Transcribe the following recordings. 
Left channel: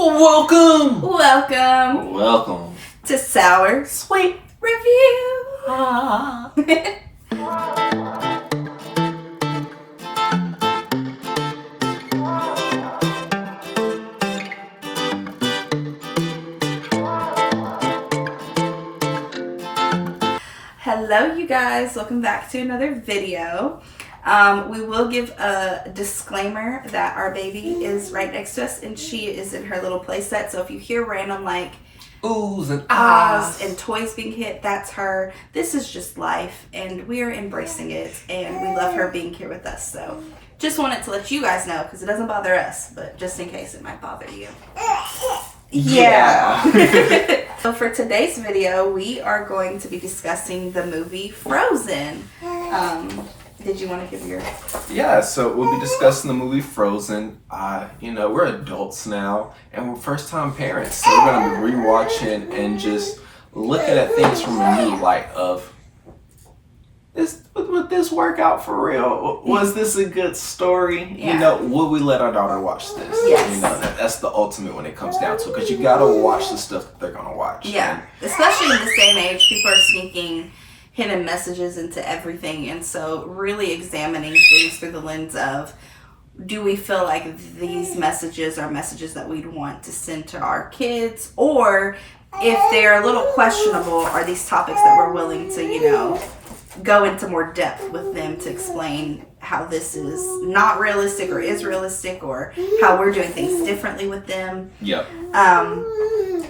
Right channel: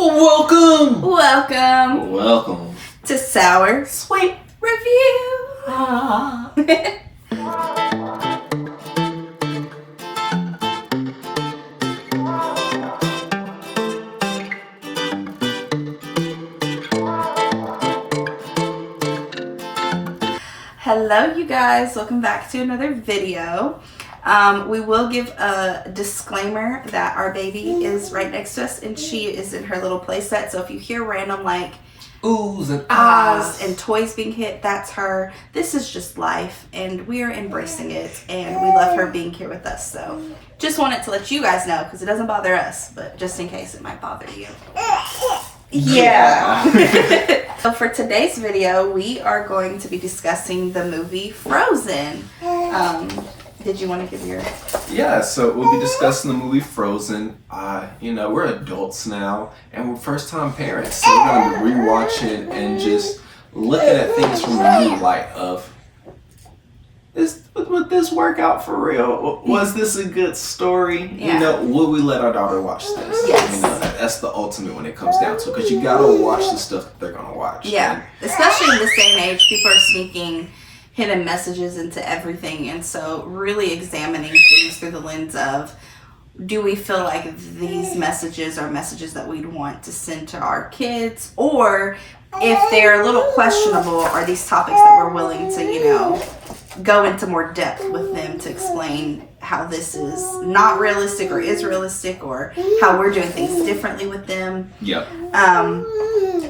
Welcome! Welcome to Sour Sweet Review. Hello you guys, welcome back to another video. We will give a disclaimer that our baby is right next to us and she is in her little play set. So if you hear random like oohs and ahs and toys being hit, that's her. This is just life and we're embracing it and we love her being here with us. So just wanted to let you guys know because it doesn't bother us, but just in case it might bother you. Yeah. So for today's video, we are going to be discussing the movie Frozen. Did you want to give your... Yeah, so we'll be discussing the movie Frozen. We're adults now, and we're first-time parents, so we're going to be rewatching and just looking at things from a new light of, would this work out for real? Was this a good story? Yeah. Would we let our daughter watch this? Yes. That's the ultimate when it comes down to it, because you got to watch the stuff that they're going to watch. Yeah, especially in this day and age, people are sneaking hidden messages into everything, and so really examining things through the lens of, do we feel like these messages are messages that we'd want to send to our kids, or if they're a little questionable, are these topics that we're willing to, go into more depth with them to explain how this is not realistic or is realistic, or how we're doing things differently with them. Yep.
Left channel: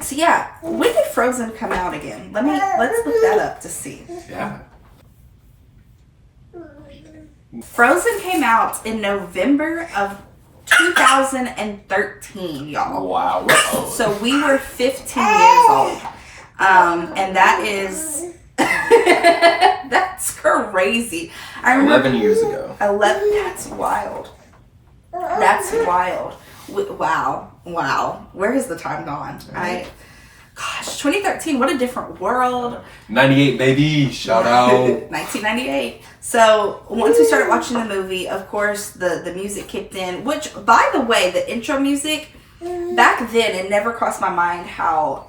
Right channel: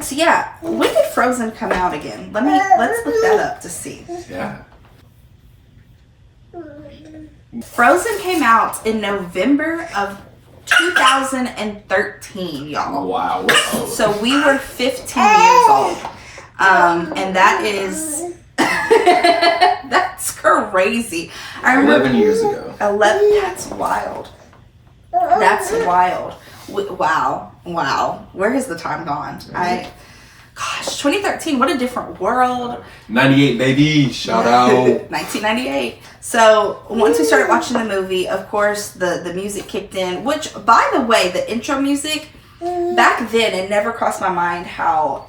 So yeah, when did Frozen come out again? Let's look that up to see. Yeah. Frozen came out in November of 2013, y'all. Wow, we're old. So we were 15 years old. And that is that's crazy. I remember 11 years ago. 11, that's wild. That's wild. Wow. Where has the time gone? Gosh, 2013, what a different world. 98, baby. Shout out. 1998. So once we started watching the movie, of course, the music kicked in, which, by the way, the intro music, back then, it never crossed my mind how,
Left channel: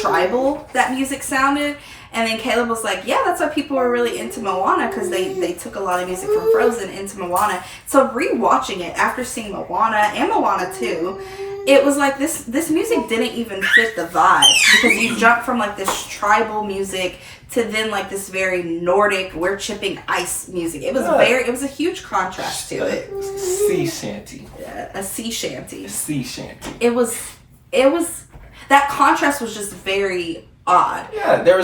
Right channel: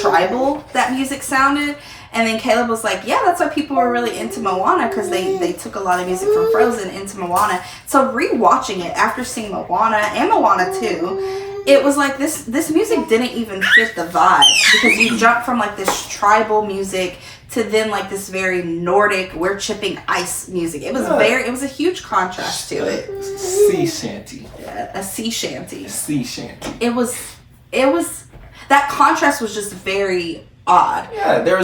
tribal that music sounded. And then Caleb was like, yeah, that's why people were really into Moana, because they took a lot of music from Frozen into Moana. So rewatching it after seeing Moana and Moana 2, it was like this music didn't even fit the vibe, because you jump from like this tribal music to then like this very Nordic, we're chipping ice music. It was it was a huge contrast to it. Sea shanty. A sea shanty. Sea shanty. It was that contrast was just very odd. Yeah,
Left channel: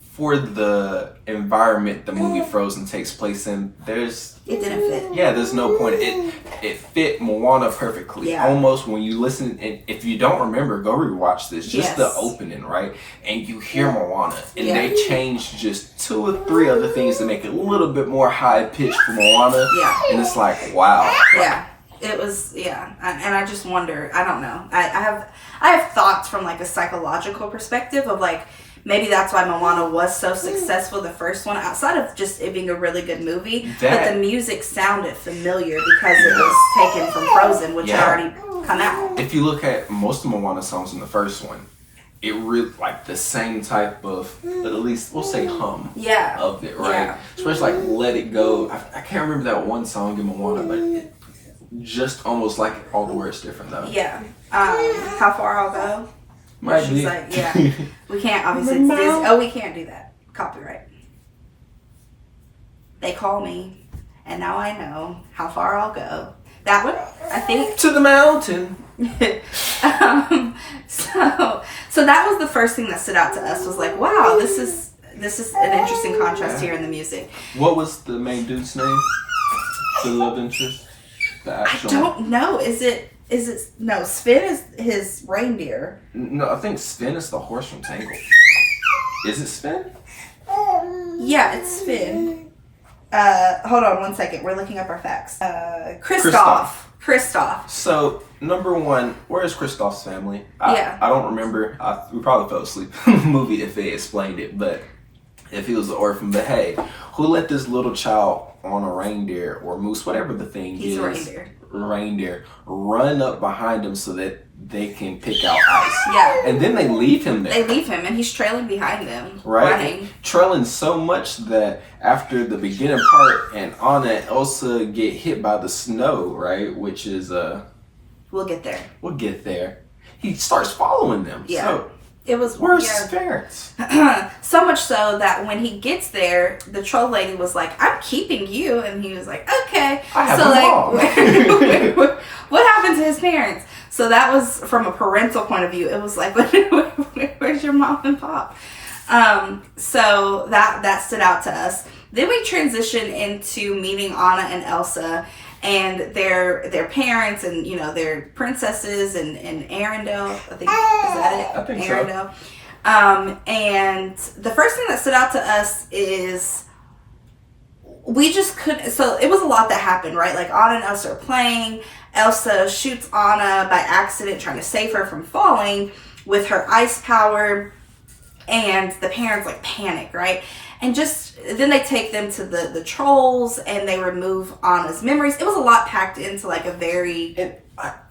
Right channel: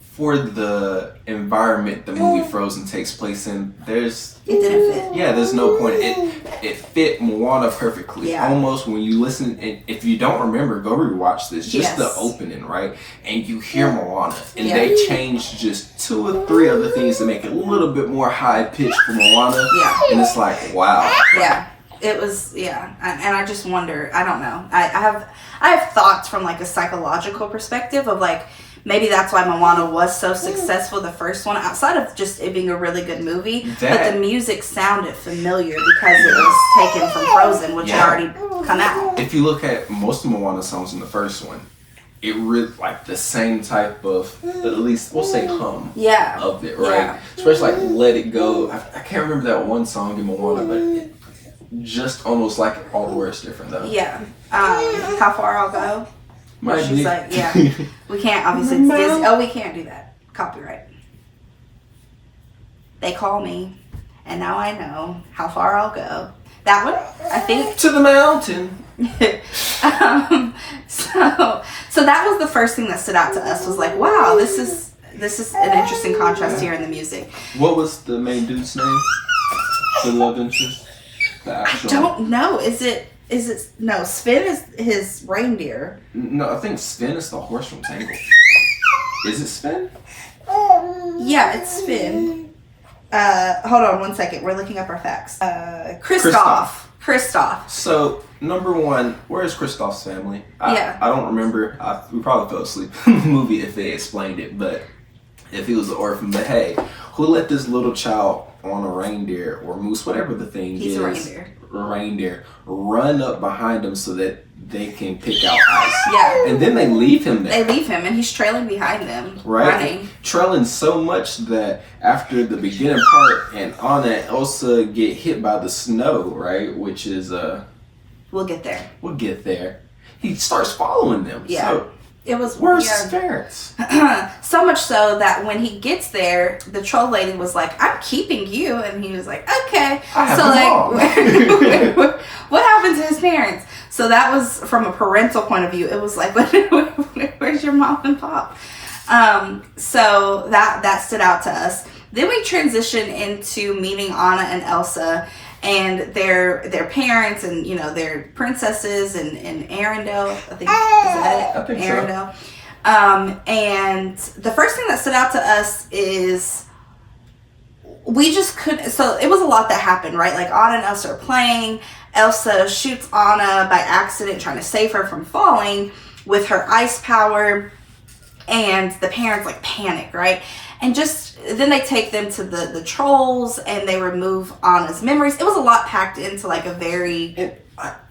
for the environment the movie Frozen takes place in, it didn't fit. Yeah, there's no point. It fit Moana perfectly. Yeah. Almost when you listen, and if you don't remember, go rewatch this. Just the opening, right? And you hear Moana, and they changed just 2 or 3 other things to make it a little bit more high pitched for Moana. Yeah. And it's like, wow. Yeah. It was, and I just wonder, I don't know. I have thoughts from like a psychological perspective of like, maybe that's why Moana was so successful, the first one, outside of just it being a really good movie. But the music sounded familiar because it was taken from Frozen, which had already come out. If you look at most of Moana songs in the first one, it really like the same type of, at least we'll say hum of it, right? Yeah. Especially like Let It Go. I can't remember that one song in Moana, but it just almost like all the words different though. Yeah. How Far I'll Go? Might She's be. like, we can't, obviously it's Disney. Oh, we can't do that. Copyright. They call me, and now I know how far I'll go. That one, I think. To the mountain. So that was the first thing that stood out to us, was like, wow, this is an interesting contrast here in the music. What was the main dude's name? The love interest? I don't know. Is it no, Sven is his reindeer. No, I think Sven is the horse from Tangled. Is it Sven? Yeah, it's Sven. Hold on one second. We're looking up our facts. Kristoff. So, number one, where is Kristoff's family? I don't remember. We probably fell asleep in the movie if they explained it, but if he was an orphan. But hey, who let this little child on a reindeer or moose, whatever the thing is? He's a reindeer. reindeer run up behind him so that they can pick out ice. Yeah. And then they leave him there. They leave him, and he's trailing behind them, Right? running. Trailing so much that after the beginning part and Anna and Elsa get hit by the snow, right? Which is, We'll get there. we'll get there. He starts following them. Yeah. So, It was where's yeah. his parents? So much so that when he gets there, the troll lady was like, "I'm keeping you," and he was like, "Okay." I have so a like, mom. what happened to his parents? So that was from a parental point of view. It was like, where's your mom and pop? So that stood out to us. Then we transition into meeting Anna and Elsa and their parents, and you know, their princesses and Arendelle. I think is that it? I think so. Arendelle. And the first thing that stood out to us is we just couldn't. So it was a lot that happened, right? Like Anna and Elsa are playing. Elsa shoots Anna by accident, trying to save her from falling with her ice power, and the parents like panic, right? And just then they take them to the trolls, and they remove Anna's memories. It was a lot packed into like a very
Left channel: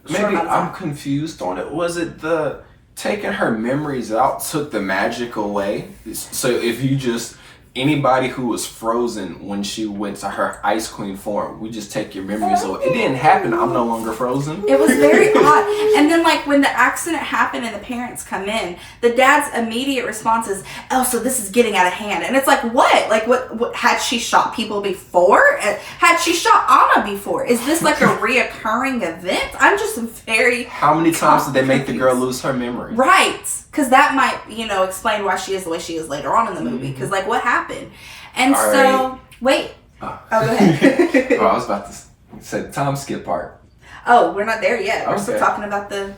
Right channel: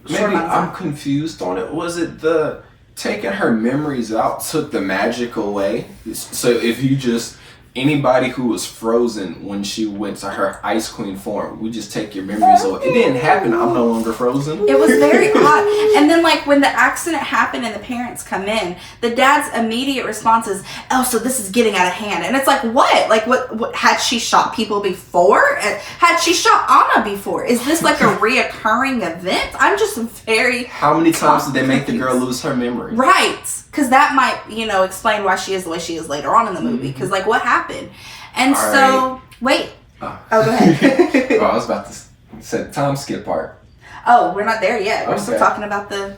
Maybe I'm confused on it. Was it the taking her memories out took the magic away? So if you just anybody who was frozen when she went to her Ice Queen form, we just take your memories away. It didn't happen. I'm no longer frozen. It was very odd. And then like when the accident happened and the parents come in, the dad's immediate response is, "Elsa, this is getting out of hand." And it's like, what? Like what had she shot people before? Had she shot Anna before? Is this like a reoccurring event? I'm just very How many times did they make the girl lose her memory? right. Because that might, you know, explain why she is the way she is later on in the movie. Because like what happened? And All so right. wait. Oh. Oh, go ahead. Oh, I was about to say the time skip part. Oh, we're not there yet. We're still Okay. talking about the.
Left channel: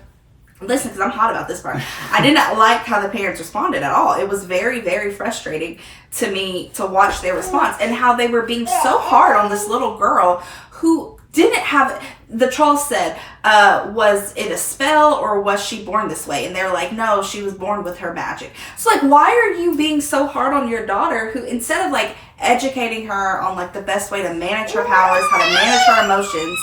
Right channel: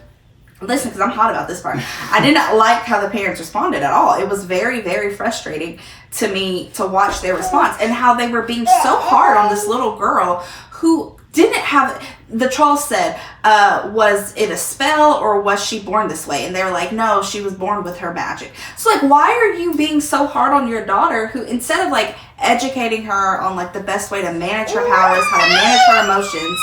Listen, because I'm hot about this part. I did not like how the parents responded at all. It was very, very frustrating to me to watch their response and how they were being so hard on this little girl who didn't have. The troll said, "Was it a spell or was she born this way?" And they were like, "No, she was born with her magic." So like, why are you being so hard on your daughter who, instead of like educating her on like the best way to manage her powers, how to manage her emotions,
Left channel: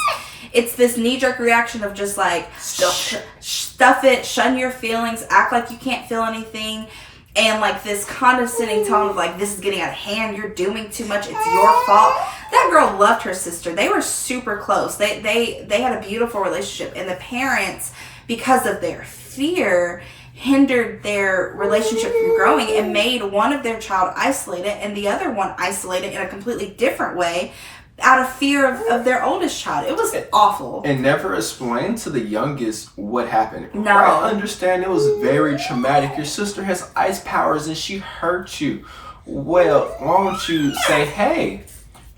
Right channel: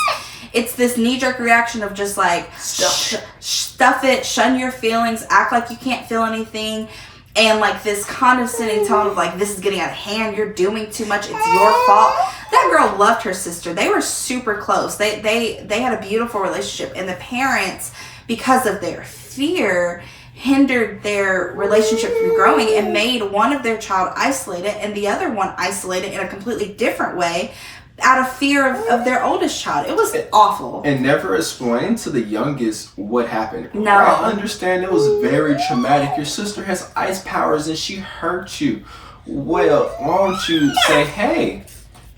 it's this knee-jerk reaction of just like stuff it, shun your feelings, act like you can't feel anything, and like this condescending tone of like, this is getting out of hand, you're doing too much, it's your fault. That girl loved her sister. They were super close. They had a beautiful relationship, and the parents, because of their fear, hindered their relationship from growing and made one of their child isolated and the other one isolated in a completely different way out of fear of their oldest child. It was awful. And never explained to the youngest what happened. No. I understand it was very traumatic. Your sister has ice powers and she hurt you. Well, why don't you say, hey,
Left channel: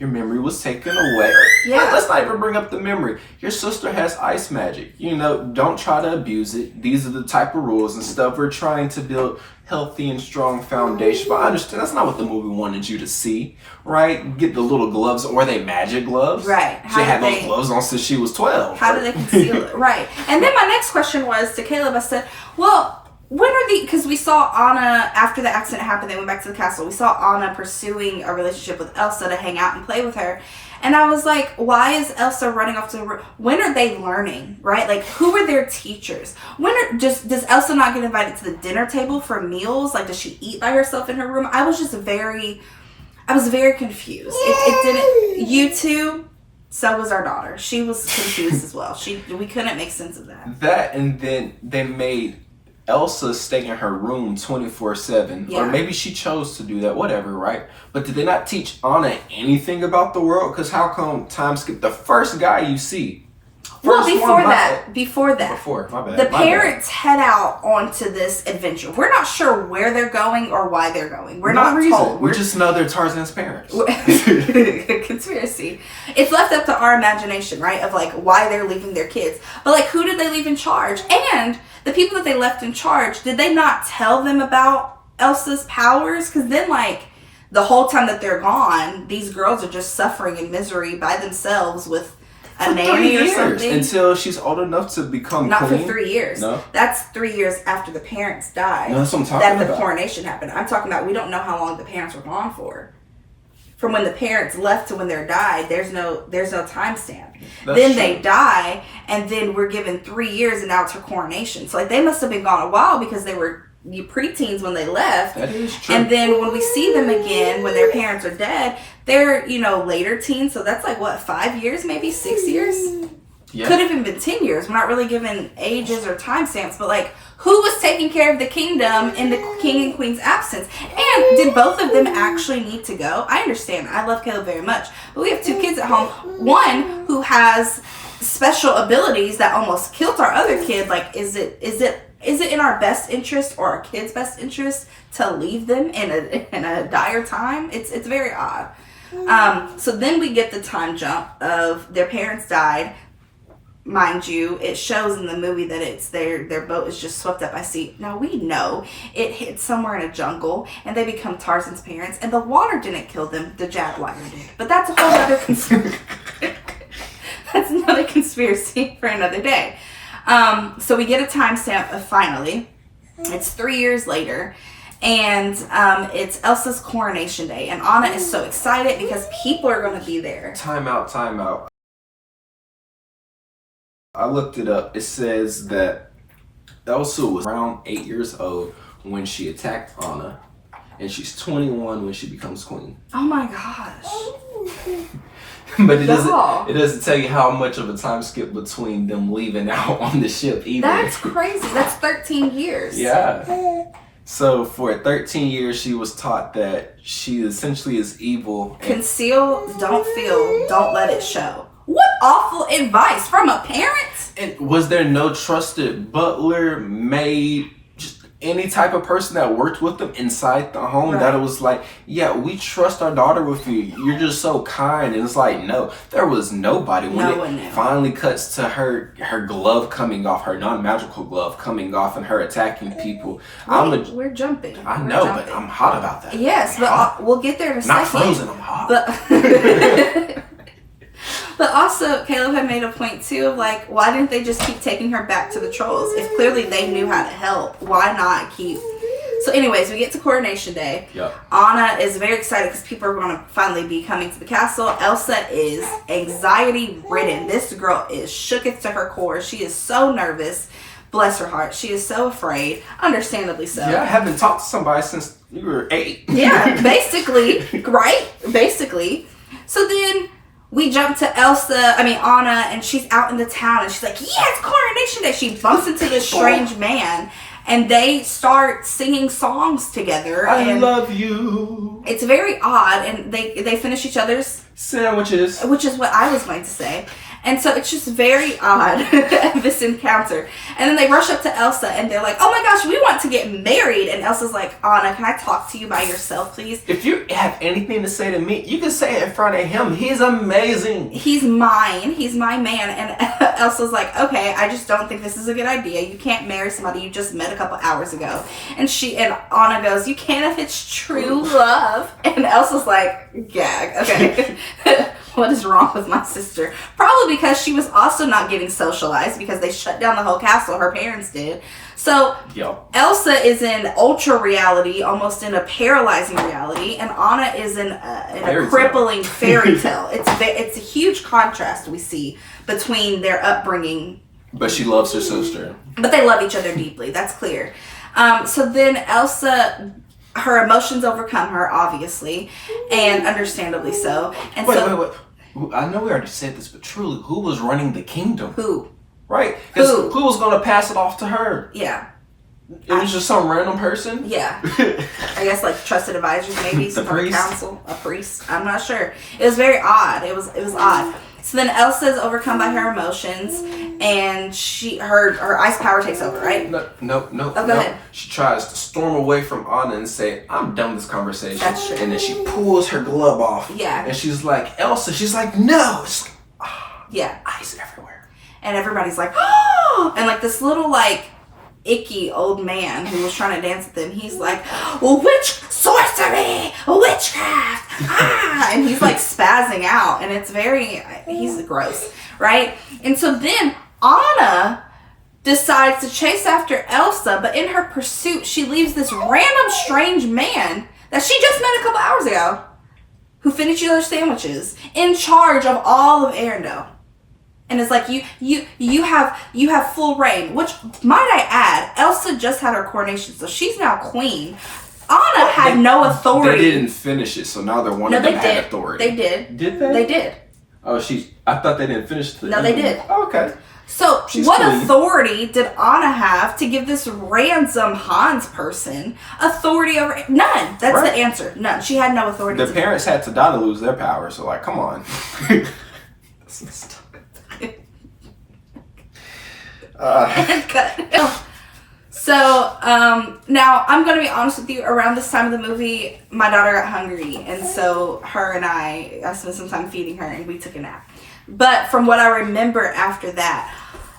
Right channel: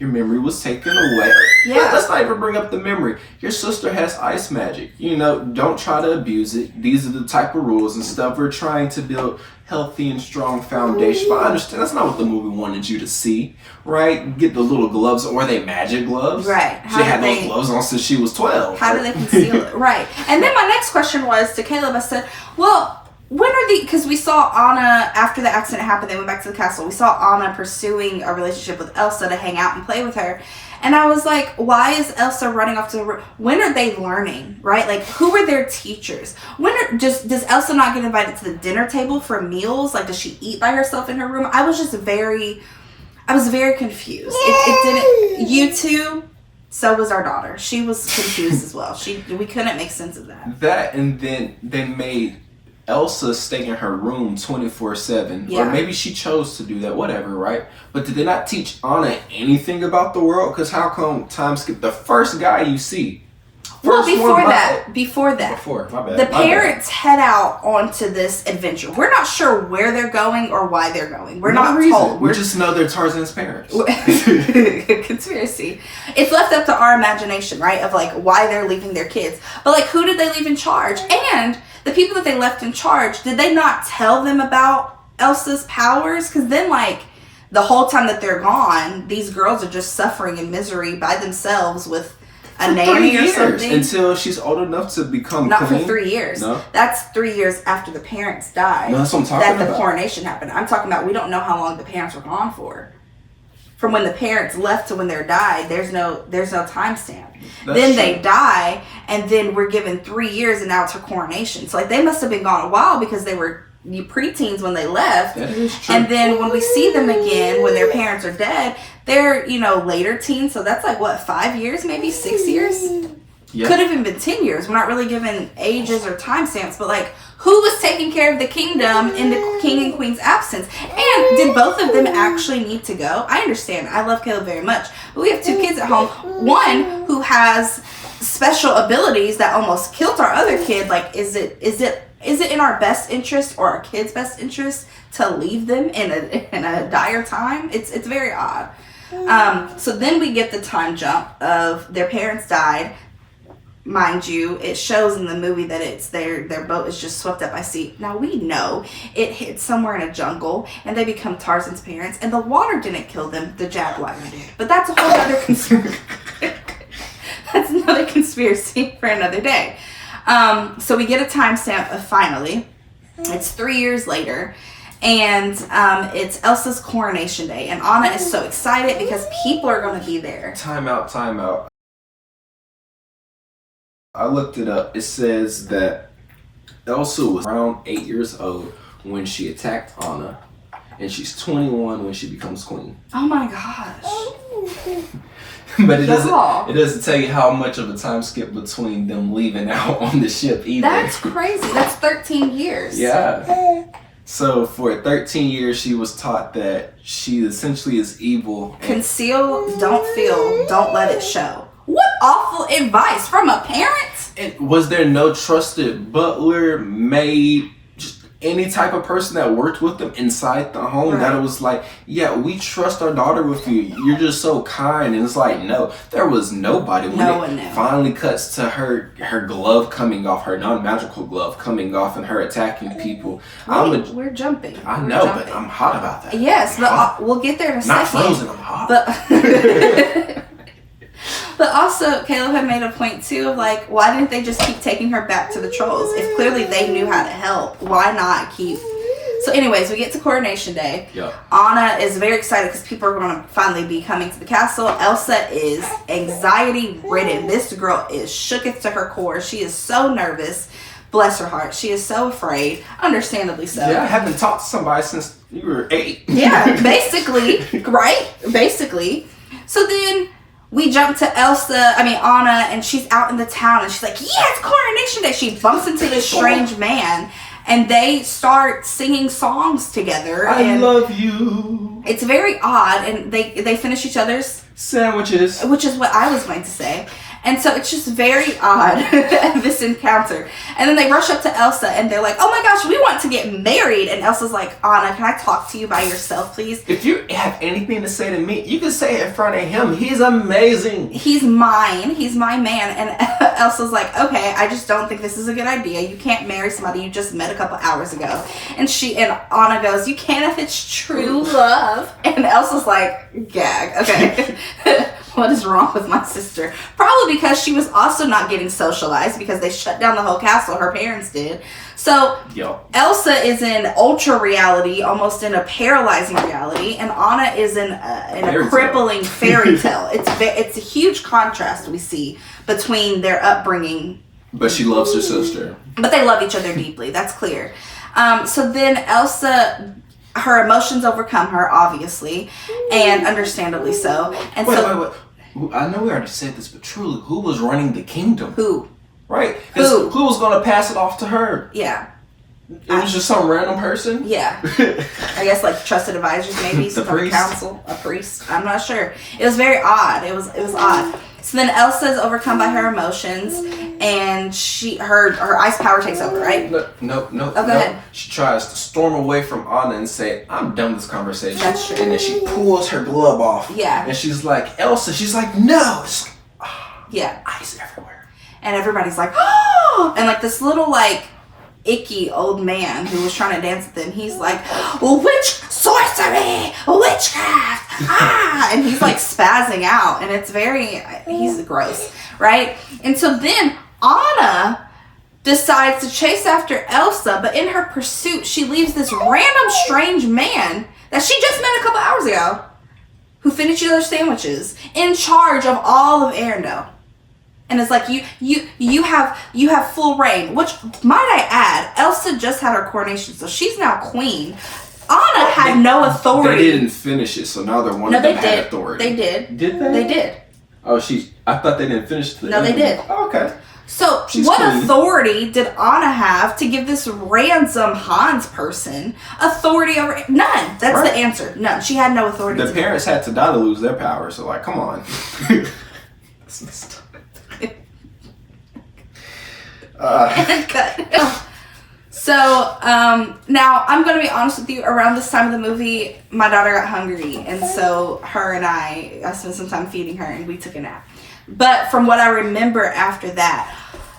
your memory was taken away. Yeah. Let's not even bring up the memory. Your sister has ice magic. You know, don't try to abuse it. These are the type of rules and stuff. We're trying to build healthy and strong foundation. But I understand that's not what the movie wanted you to see, right? Get the little gloves, or they magic gloves. Right. She had those gloves on since she was 12. How do they conceal it? Right. And then my next question was to Caleb. I said, well, when are because we saw Anna, after the accident happened, they went back to the castle. We saw Anna pursuing a relationship with Elsa to hang out and play with her. And I was like, why is Elsa running off to the when are they learning, right? Like, who are their teachers? Does Elsa not get invited to the dinner table for meals? Like, does she eat by herself in her room? I was very confused. It didn't, you too, so was our daughter. She was confused as well. We couldn't make sense of that. That, and then they made Elsa stay in her room 24/7, Yeah. or maybe she chose to do that, whatever, right? But did they not teach Anna anything about the world? Because how come time skip the first guy you see? Well, First before one that, my bad. the my bad. parents head out onto this adventure. We're not sure where they're going or why they're going. We're No not reason. told. We just know they're Tarzan's parents. Conspiracy. It's left up to our imagination, right? Of like why they're leaving their kids. But like, who did they leave in charge? And the people that they left in charge, did they not tell them about Elsa's powers? Because then like the whole time that they're gone, these girls are just suffering in misery by themselves with a nanny or something. Until she's old enough to become Not queen. for 3 years. No? That's 3 years after the parents died. No, that's what I'm talking that the about. coronation happened. I'm talking about we don't know how long the parents were gone for. from when the parents left to when they're died, there's no timestamp. That's Then true. they die, and then we're given 3 years, and now it's her coronation. So like they must have been gone a while because they were preteens when they left. That is true. And then when we see them again, when their parents are dead, they're, later teens. So that's like, what, 5 years, maybe 6 years? Yeah. Could have even been 10 years. We're not really given ages or timestamps, but like, who was taking care of the kingdom in the king and queen's absence? And did both of them actually need to go? I understand. I love Caleb very much. But we have 2 kids at home. One who has special abilities that almost killed our other kid. Like, is it in our best interest or our kids' best interest to leave them in a dire time? It's very odd. So then we get the time jump of their parents died. Mind you, it shows in the movie that it's their boat is just swept up by sea. Now we know it hit somewhere in a jungle and they become Tarzan's parents, and the water didn't kill them, the Jaguar did. But that's a whole other conspiracy. That's another conspiracy for another day. So we get a timestamp of finally. It's 3 years later. And it's Elsa's coronation day. And Anna is so excited because people are going to be there. Time out. I looked it up. It says that Elsa was around 8 years old when she attacked Anna, and she's 21 when she becomes queen. Oh my gosh. But it Y'all. doesn't tell you how much of a time skip between them leaving out on the ship either. That's crazy. That's 13 years. Yeah. So for 13 years, she was taught that she essentially is evil. And Conceal, don't feel, don't let it show. What awful advice from a parent. And was there no trusted butler, maid, just any type of person that worked with them inside the home that it was like, yeah, we trust our daughter with you. You're just so kind. And it's like, no, there was nobody. When No one knew. Finally cuts to her glove coming off, her non-magical glove coming off, and her attacking people. We're jumping. I We're know, jumping. but I'm hot about that. Yes, I'm but hot. we'll get there in a Not second. frozen, I'm hot. But but also, Caleb had made a point too of like, why didn't they just keep taking her back to the trolls? If clearly they knew how to help, why not keep? So anyways, we get to coronation day. Yep. Anna is very excited because people are going to finally be coming to the castle. Elsa is anxiety ridden. This girl is shooketh to her core. She is so nervous. Bless her heart. She is so afraid. Understandably so. Yeah, I haven't talked to somebody since you were 8. Yeah, basically, right? Basically. So then we jump to Anna, and she's out in the town, and she's like, yeah, it's coronation day. She bumps into this strange man, and they start singing songs together. I and love you. it's very odd, and they finish each other's, Sandwiches. which is what I was going to say. And so it's just very odd, this encounter. And then they rush up to Elsa, and they're like, oh my gosh, we want to get married. And Elsa's like, Anna, can I talk to you by yourself, please? If you have anything to say to me, you can say it in front of him. He's amazing. He's mine. He's my man. And Elsa's like, okay, I just don't think this is a good idea. You can't marry somebody you just met a couple hours ago. And Anna goes, you can if it's true love. And Elsa's like, gag. Okay. What is wrong with my sister? Probably because she was also not getting socialized because they shut down the whole castle. Her parents did. So Yo. Elsa is in ultra reality, almost in a paralyzing reality, and Anna is in Fairy a tale. crippling fairy tale. It's a huge contrast we see between their upbringing, But she loves her sister. but they love each other deeply. That's clear. So then Elsa, her emotions overcome her, obviously, and understandably so. And Wait. I know we already said this, but truly, who was running the kingdom? Who? Right? Because Who? who was going to pass it off to her? Yeah. It was just some random person? Yeah. I guess like trusted advisors, maybe The some kind of priest? council, a priest. I'm not sure. It was very odd. It was odd. So then Elsa is overcome by her emotions, and her ice power takes over, right? No. go ahead. She tries to storm away from Anna and say, I'm done with this conversation. That's true. And then she pulls her glove off. Yeah. And she's like, Elsa. She's like, no. It's Yeah. ice everywhere. And everybody's like, oh! And like this little like icky old man who was trying to dance with them, he's like, witch sorcery, witchcraft, and he's like spazzing out, and he's gross, right? And so then Anna decides to chase after Elsa, but in her pursuit, she leaves this random strange man that she just met a couple hours ago. who finish each other's sandwiches, in charge of all of Arendelle. And it's like you have full reign. Which, might I add, Elsa just had her coronation, so she's now queen. Anna had no authority. They didn't finish it, so now they're one of them had authority. They did. Did they? They did. Oh, I thought they didn't finish the. No, they did. Oh, okay. So, She's what queen. authority did Anna have to give this ransom Hans person authority over? None. That's Right. the answer. None. She had no authority. The parents had to die to lose their power, so like, come on. That's messed up. Cut. So, now I'm going to be honest with you. Around this time of the movie, my daughter got hungry, and so her and I spent some time feeding her, and we took a nap. But from what I remember after that,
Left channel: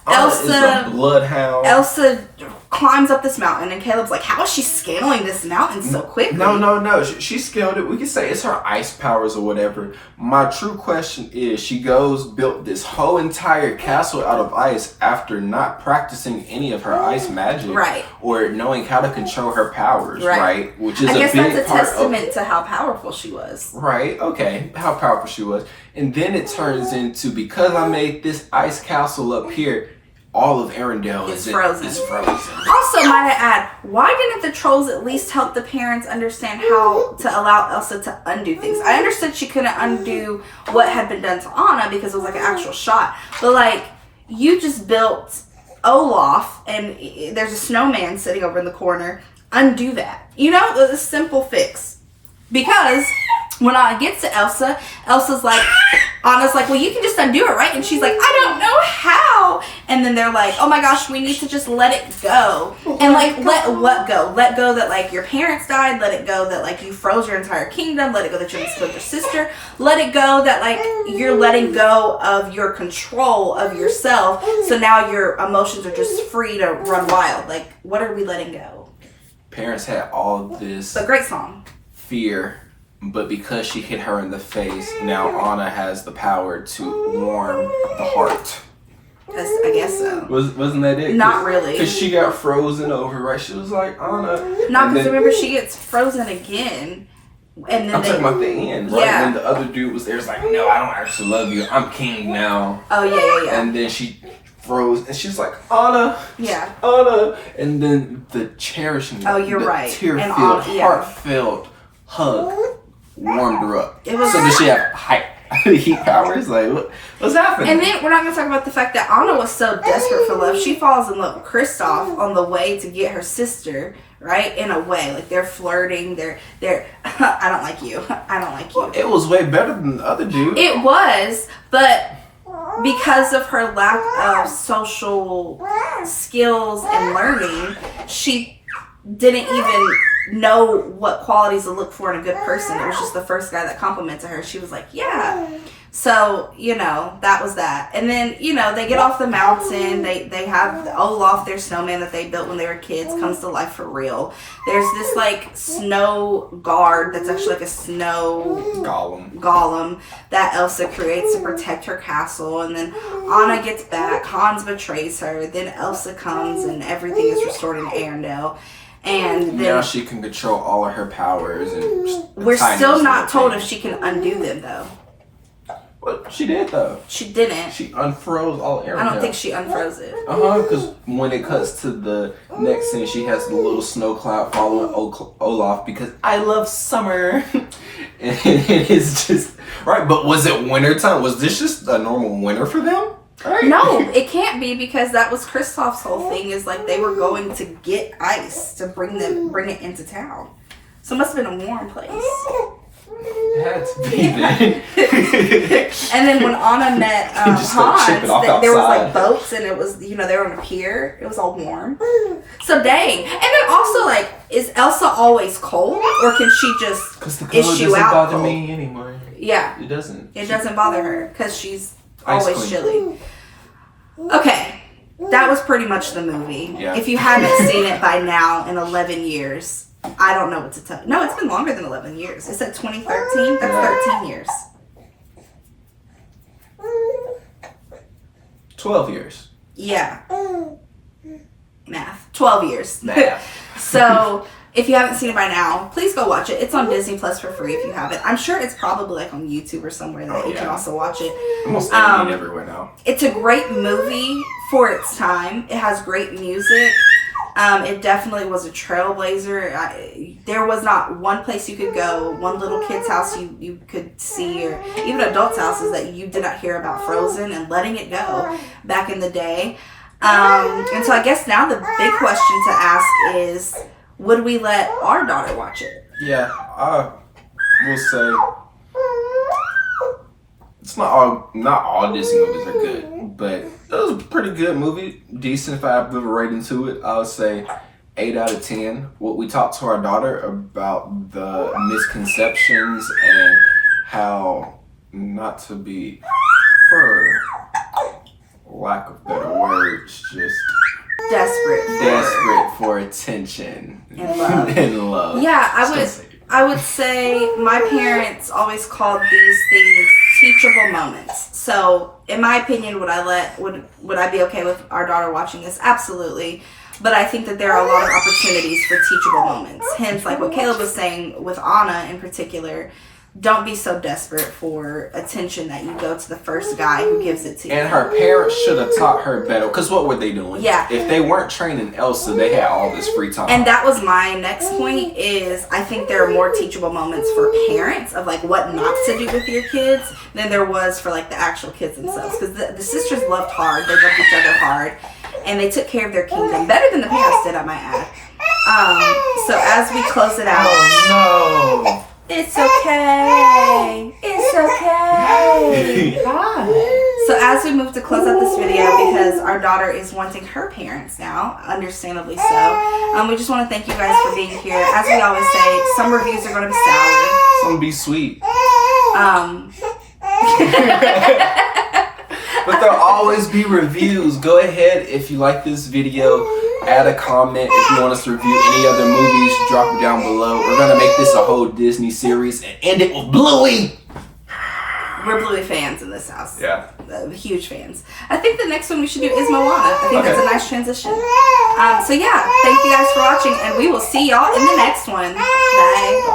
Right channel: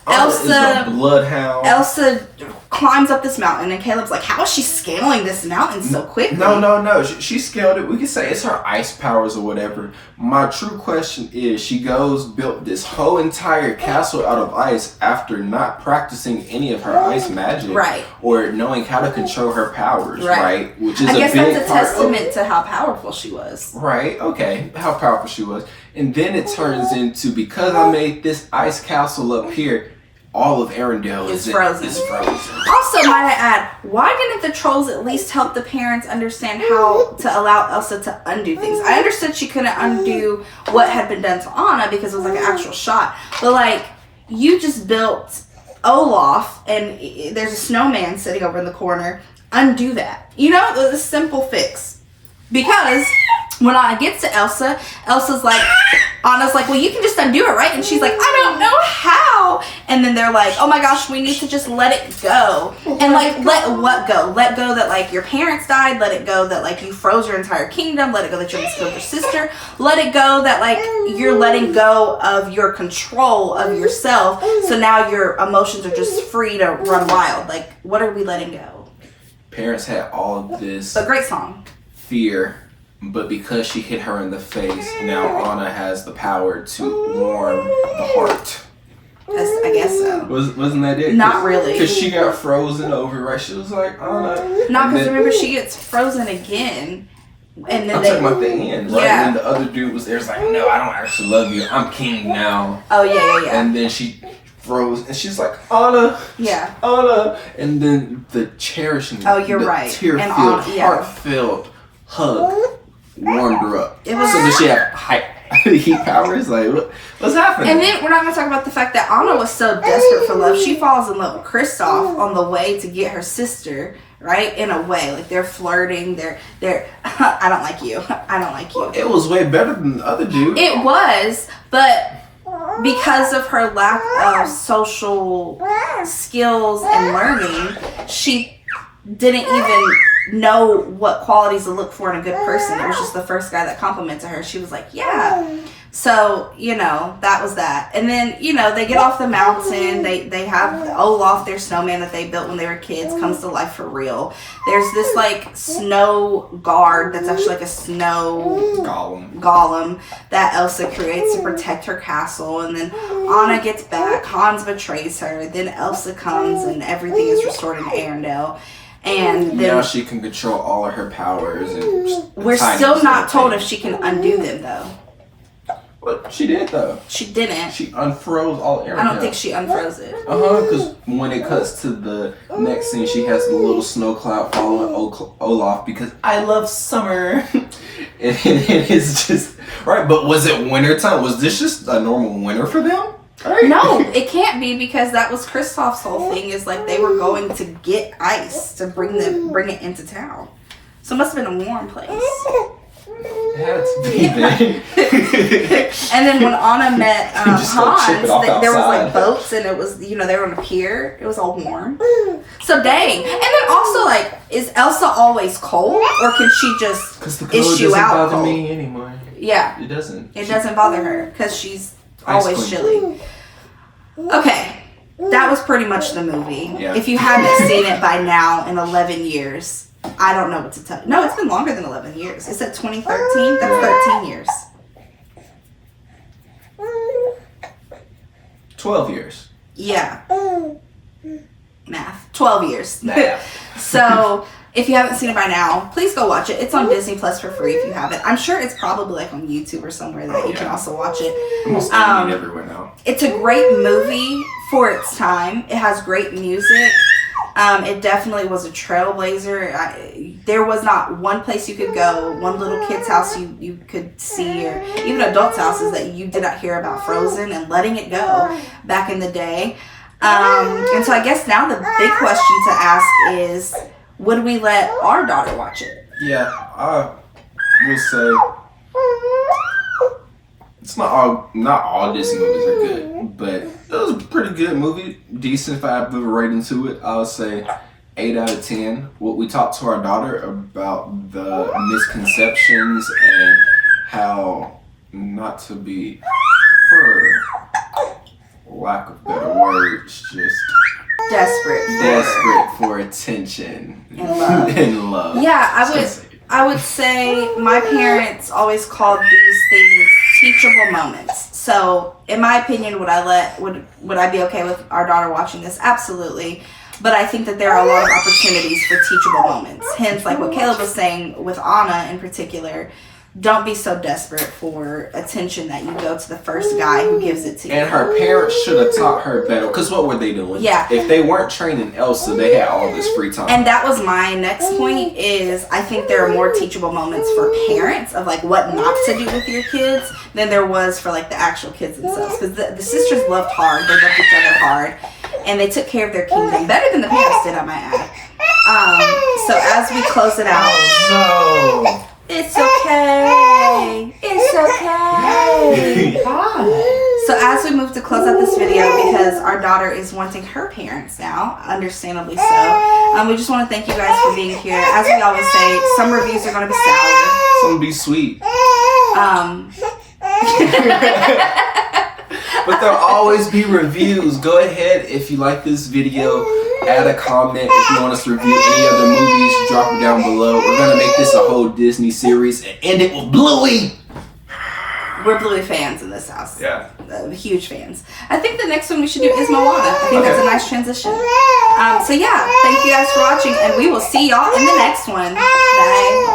Elsa is a bloodhound. Elsa climbs up this mountain, and Caleb's like, how is she scaling this mountain so quickly? No. She scaled it. We could say it's her ice powers or whatever. My true question is, she built this whole entire castle out of ice after not practicing any of her ice magic. Right. Or knowing how to control her powers, right? Which is I guess a big that's a part testament to how powerful she was. Right, okay, how powerful she was. And then it turns into, because I made this ice castle up here, all of Arendelle is frozen. Also, might I add, why didn't the trolls at least help the parents understand how to allow Elsa to undo things? I understood she couldn't undo what had been done to Anna because it was like an actual shot. But like, you just built Olaf and there's a snowman sitting over in the corner. Undo that. You know, a simple fix. Because when Anna gets to Elsa, Elsa's like, Anna's like, well, you can just undo it, right? And she's like, I don't know how. And then they're like, oh my gosh, we need to just let it go. And like, let what go? Let go that like your parents died. Let it go that like you froze your entire kingdom. Let it go that you almost killed your sister. Let it go that like you're letting go of your control of yourself. So now your emotions are just free to run wild. Like, what are we letting go? Parents had all this But great song. fear, but because she hit her in the face, now Anna has the power to warm the heart. I guess so. Wasn't that it? Not really. Because she got frozen over, right? She was like, Anna. No, because remember she gets frozen again. And then I'm talking about the end, right? Yeah. When the other dude was there, it's like, no, I don't actually love you. I'm king now. Oh, yeah. And then she froze, and she's like, Anna. Yeah. Anna. And then the cherishing, Oh, you're the right. tear-filled, And Anna, yeah. heartfelt hug warmed her up. It was- so did she have heat powers? Like, what's happening? And then we're not going to talk about the fact that Anna was so desperate for love. She falls in love with Kristoff on the way to get her sister, right? In a way. Like, they're flirting. They're I don't like you. I don't like you. It was way better than the other dude. It was, but because of her lack of social skills and learning, she didn't even know what qualities to look for in a good person. It was just the first guy that complimented her. She was like, yeah. So, you know, that was that. And then, you know, they get off the mountain. They have Olaf, their snowman that they built when they were kids, comes to life for real. There's this, like, snow guard that's actually like a snow golem that Elsa creates to protect her castle. And then Anna gets back. Hans betrays her. Then Elsa comes and everything is restored in Arendelle. And then now she can control all of her powers. And we're still not told if she can undo them, though. Well, she did, though. She didn't. She unfroze all Arendelle. I don't think she unfroze it. Because when it cuts to the next scene, she has the little snow cloud following Olaf because I love summer. And it's just, right, but was it winter time? Was this just a normal winter for them? Right. No, it can't be because that was Kristoff's whole thing is like they were going to get ice to bring it into town. So it must have been a warm place. It had to be then. And then when Anna met Just go chip Hans, it off there was outside. like boats and it was, you know, they were on a pier. It was all warm. So dang. And then also like, is Elsa always cold or can she just Because the cold issue doesn't out bother cold? me anymore. Yeah. It doesn't. It doesn't bother her because she's Ice always queen. chilly. Okay. That was pretty much the movie. Yeah. If you haven't seen it by now in 11 years, I don't know what to tell you. No, it's been longer than 11 years. It said 2013. That's 13 years. 12 years. Yeah. Math. 12 years. Math. So if you haven't seen it by now, please go watch it. It's on Disney Plus for free if you haven't. I'm sure it's probably like on YouTube or somewhere that you can also watch it. Almost everywhere now. It's a great movie for its time. It has great music. It definitely was a trailblazer. There was not one place you could go, one little kid's house you could see, or even adults' houses that you did not hear about Frozen and letting it go back in the day. And so I guess now the big question to ask is, would we let our daughter watch it? Yeah, I will say it's not all Disney movies are good, but it was a pretty good movie. Decent. If I have a rating to it, I would say 8 out of 10. What we talked to our daughter about the misconceptions and how not to be, for lack of better words, just desperate for attention and love. Yeah, I would say my parents always called these things teachable moments. So, in my opinion, would I be okay with our daughter watching this? Absolutely. But I think that there are a lot of opportunities for teachable moments. Hence, like what Caleb was saying with Anna in particular, don't be so desperate for attention that you go to the first guy who gives it to you. And her parents should have taught her better, because what were they doing? Yeah. If they weren't training Elsa, they had all this free time. And that was my next point, is I think there are more teachable moments for parents of like what not to do with your kids than there was for like the actual kids themselves. Because the sisters loved hard. They loved each other hard. And they took care of their kingdom better than the parents did, I might add. So as we close it out. Oh, no. It's okay. It's okay. So as we move to close out this video, because our daughter is wanting her parents now, understandably so, we just want to thank you guys for being here. As we always say, some reviews are going to be sour. Some be sweet. But there'll always be reviews. Go ahead, if you like this video, add a comment. If you want us to review any other movies, drop it down below. We're going to make this a whole Disney series and end it with Bluey. We're Bluey fans in this house. Yeah. Huge fans. I think the next one we should do is Moana. I think that's a nice transition. So yeah, thank you guys for watching, and we will see y'all in the next one. Bye.